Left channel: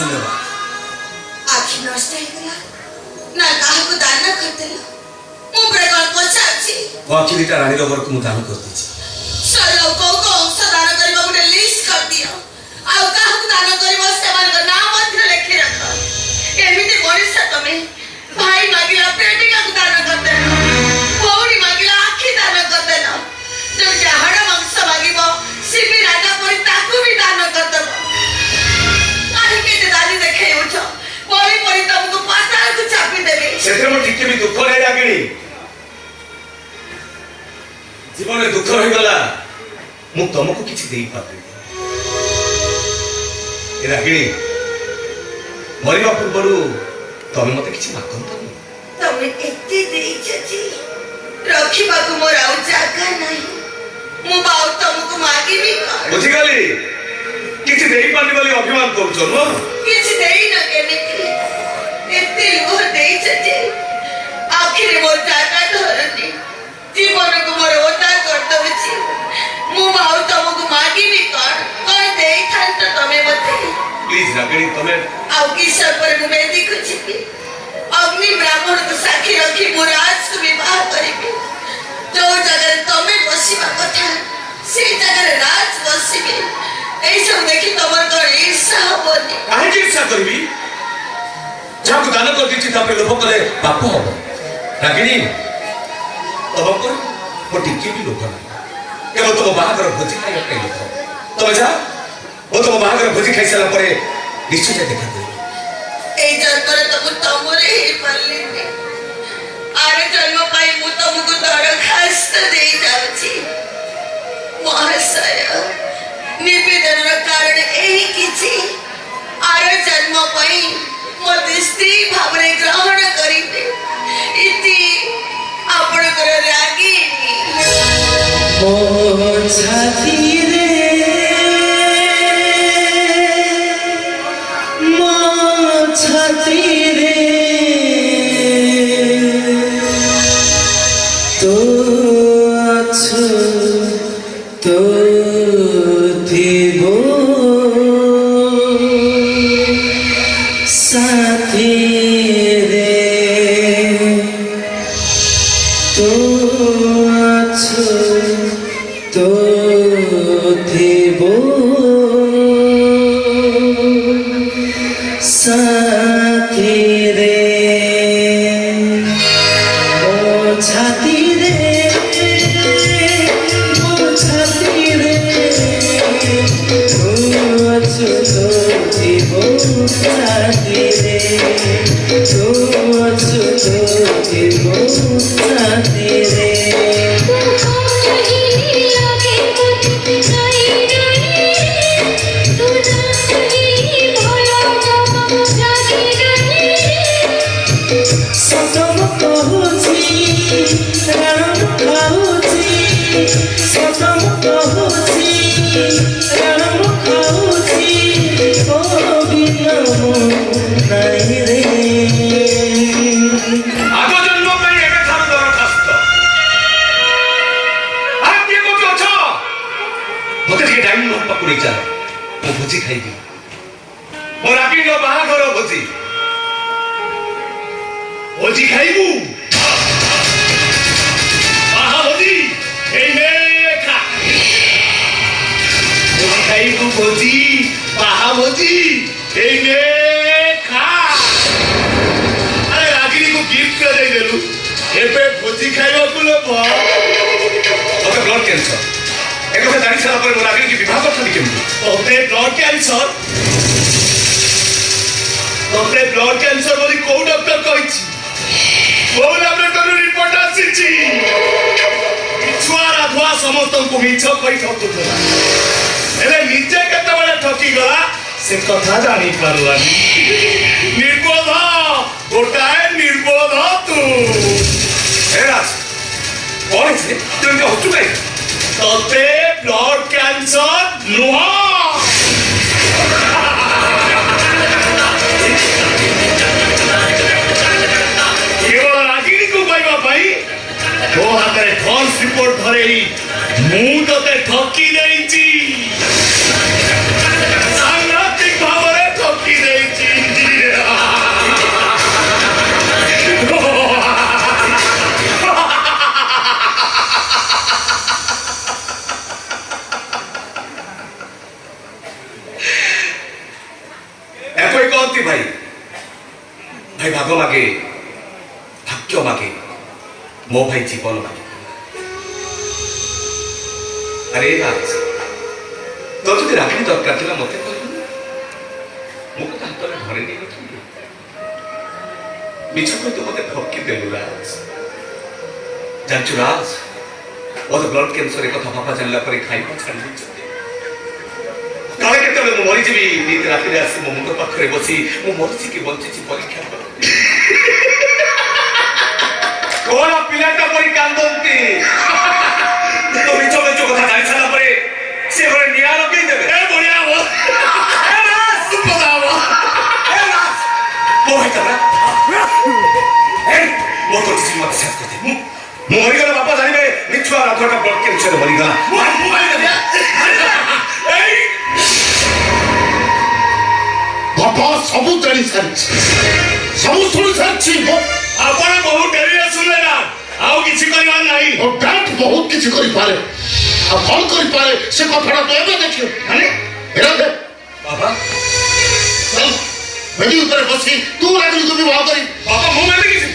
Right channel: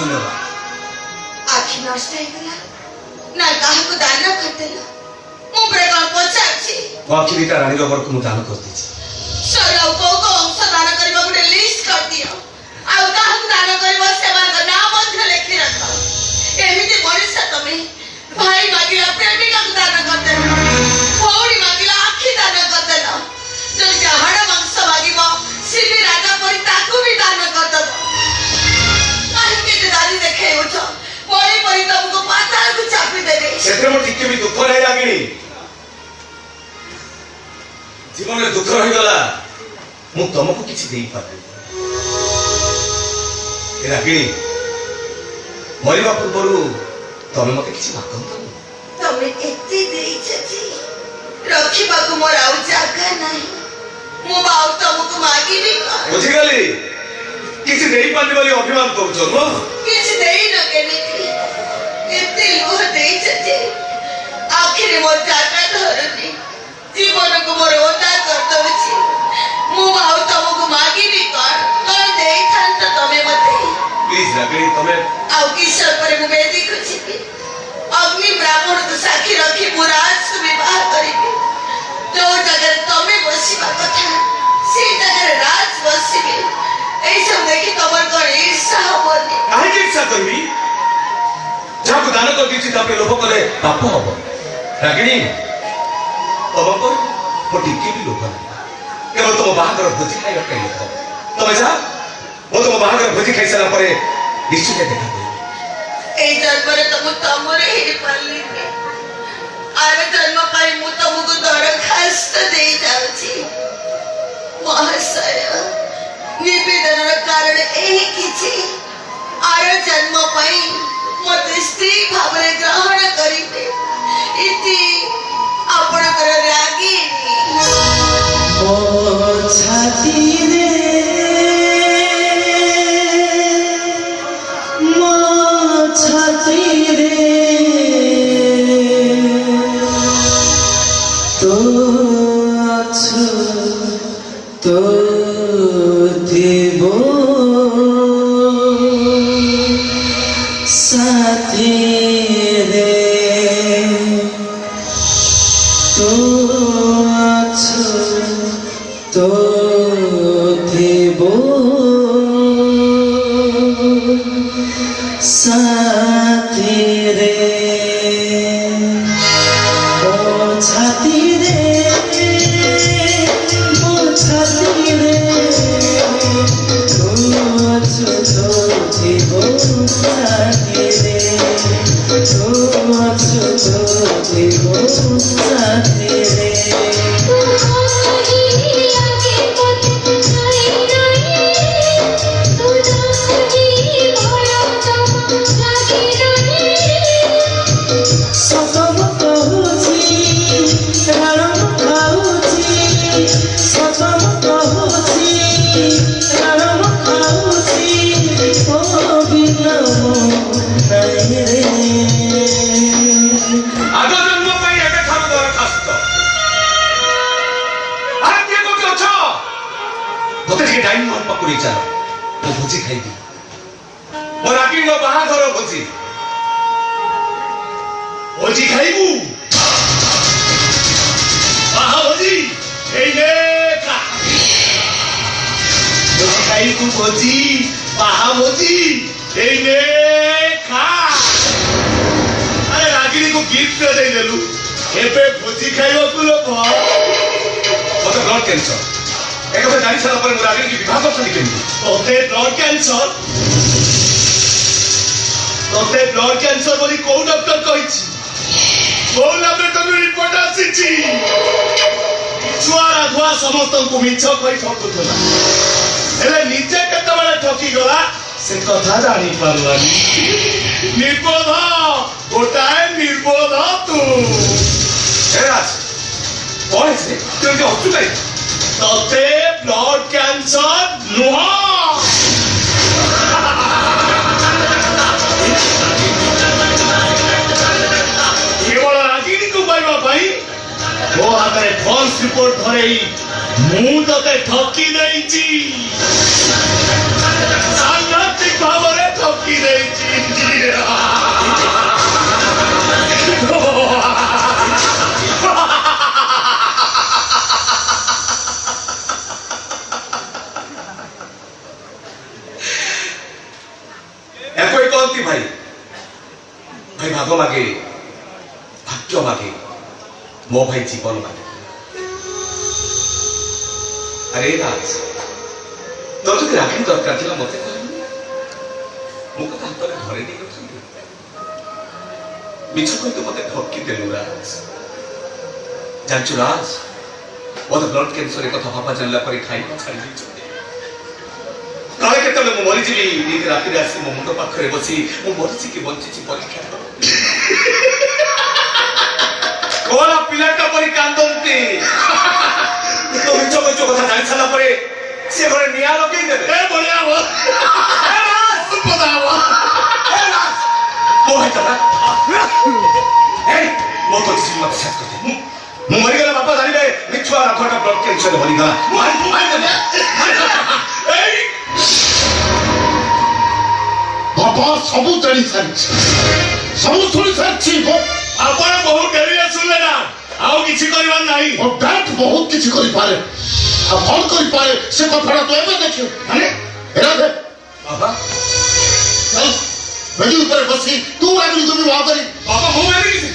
धन्यवाद। आखि नष्ट ହେଇଗଲା ନା କାହାକୁ ଦାନ କରିଦେଲ ମୁଁ ପ୍ରେମ ପଚାରୁଛି बाकी दुटा रानी रबर को दान कर दीजिए ସର କୋଉ ଅଂଶ ଦାନ କରିବା ଗୋଟେ ଲିଷ୍ଟ କରିଦିଅ ଆଉ କାହାକୁ ଦାନ କରିବ ସେମାନଙ୍କ ନାଁ ମଧ୍ୟ ଲେଖି ରଖ ଏମିତି ମଣିଷ ତମେ ଭାଇ ମାଗିଲା ପ୍ରେମିକାକୁ ଦାନ କରିଦେଲ ଭଉଣୀ ମାଗିଲା ଆଖି ଦାନ କରିଦେଲ ଯଦି ହାଡ଼ ମାଂସ ମାଗିବ ସେ ବି ରାଜା ପରି ତାକୁ ବି ଦାନ କରିଦେବ କାହିଁକି ଏତେ ଦାନି ଦେଖେଇଉଛ ବଳି ପରି ତମକୁ ପାତାଳକୁ ଚାପି ଦେବେ ସେଥିରେ ମୁଁ ଟିକେ ବି ଦୁଃଖ ନାହିଁ ରାଗିଣୀ जीवन दुख रहीगला मु तुमको किसी दे पारि रागिणी मरवा पूर्व तमें मत कि तमें रखा मोर आउ जगह नहीं तुमको मागिबी बुझीगली किसी दे पारि बोली अभिमान करूछ न किसी देई न केमिति एते लुह देइछ आखिर मोर जगह धरनी जीवन को मोर ओटा कर दउछि मु भाव तुमको मागिबी कोन देई थांत तमे मते प्लीज रागिणी तमे आउ किशोर पर मु बेदी कुछि अग्नि ब्राह्मण को साक्षी रखी मु राज को विवाह करिबी जो जगह तमे बसिबा कथा से जगह राज बसिबी ए सब देखि तमर को ईर्ष्या होबनी काहे ईर्ष्या करबी जाको दान कर दीछि तापे लोभ कले पाप हबो रागिणी तुमको वो टिके भी लोभ नहीं केवल तुम बाहागर भोजी खाइबा पे लोभ तुम जा वो तुम बाहागर भोजी खाइ सारा परे निश्चित देखा दे ए जन्म रे तमरे ही पल्ली में आरे जन्म पाई मु तुमको दरखास्त दे जाउची महाशय निवेदन कारण एही किछि आरे जन्म पाई मोते स्त्री भावने ग्रहण करिते इति आपण कर रागी ओ छाती रे मो छाती रे तो अछु तो देवो साथी रे तो अछु तो देवो साथी रे ओ छाती रे ओ छाती रे तो अछु तो देवो साथी रे तो अछु तो देवो साथी रे भोजी खाइबी मोर रागिणी बाहागर भोजी भोजी खाइबू बाहा भोजी खा भोजी खाइबू भोजी बाहा भोजी खा अरे रागिणी को गिफ्ट दे देलु एबे भोजी खाइबा को लो मते ब्लड कैंसर एक बार जानी सारा पर रागिणी की विवाह कर थी केमती ओते ब्लड कैंसर बोली को डॉक्टर कहिछि को लैबोरेटरी रिपोर्ट आसीछि छुआरा धुआ समस्त को मिछ कहि सकथला एले निजे केते बळे ठकी गला से कथा जानी पारलानी निर्बोध गोटाए निर्बोध तू हे राज कोन से तुम जो हटु गई तोते ब्लड कैंसर नुहा केवल रागिणी को पाइबा पाई तो हाथ में फॉल्स रिपोर्ट धरे मु तोते ठकी देइची सांघातिक भाव में ठकी देइची କି ଭାଇ ଭାଇ ଭାଗ ମାଗେ ଭାଗ୍ୟ ମାଗେ ମୋ ଭାଇ ଜୀବନ ମାଗେ। ଆରେ ରାଜ ତୋର ଯଦି ରାକ୍ଷୀ ଦରକାର ଥିଲା ମତେ କହିଲୁ ମୁଁ କଥା ହାତରେ ଧରି ନେଇନଥିଲି। ମିଛ କହି ତୁ ମତେ ଠକି ଦେଲୁ ରାଜ। ଜାଣିଛୁ ରାଜ ମୋର ବ୍ଲଡ କ୍ୟାନ୍ସର ଏ କଥା ବାପା ଜାଣିଲା ପରେ ଖାଇବା ଛାଡ଼ି ଦେଇଛନ୍ତି। କାଳେ କେତେବେଳେ ମୁଁ ମରିଯିବି ନିଦ ରାତିରେ ଆସି ମୋ ମୁଣ୍ଡ ପାଖରେ ବସି ମୁଁ ମରିଛି କି ବଞ୍ଚିଛି ପରୀକ୍ଷା କର। କଣ ପିଲାଟା ପରି କାନ୍ଦନ୍ତି। ତ ମିଛ ମିଛ କଥା ଜାଣି ସାରିଲା ପରେ ସେ ଘରେ ନିଆଁ ଲଗେଇ ଦେବେ। ବଢିଆ ହବ ମୋ ଭାଇ ତମା ମୋ କରିଛି ମତେ ସାଥ କରିଦେ। ମୁଁ ମରିଗଲା ବାପା ଜାଣିବେ ମିଛୁଆ ରଥଟା ବ୍ଲଡ କ୍ୟାନ୍ସର ମରିଗଲା। ବାପା ସବୁ ଜାଣି ସାରିଛି ସବୁ ଶୁଣି ସାରିଛି। ଆପଣ ବହୁ ଡେରିରେ ଶୁଣିଲେ ନା ଆଉ କିଛି କରିବାର ନାହିଁ। ବ୍ୟାଟ ବହୁତ କିଛି କରିପାରେ ଆଉ କଣ କରିପାରେ ସେ କଥାଟା ତୁ ଏବେ ଦେଖିବୁ। ବାବା ବେଦି ଉପରେ ବସି ତୁ ରାଜନୀତି ବିବାହ କରି ବାବା ମୁଁ ମାନେ କିଛି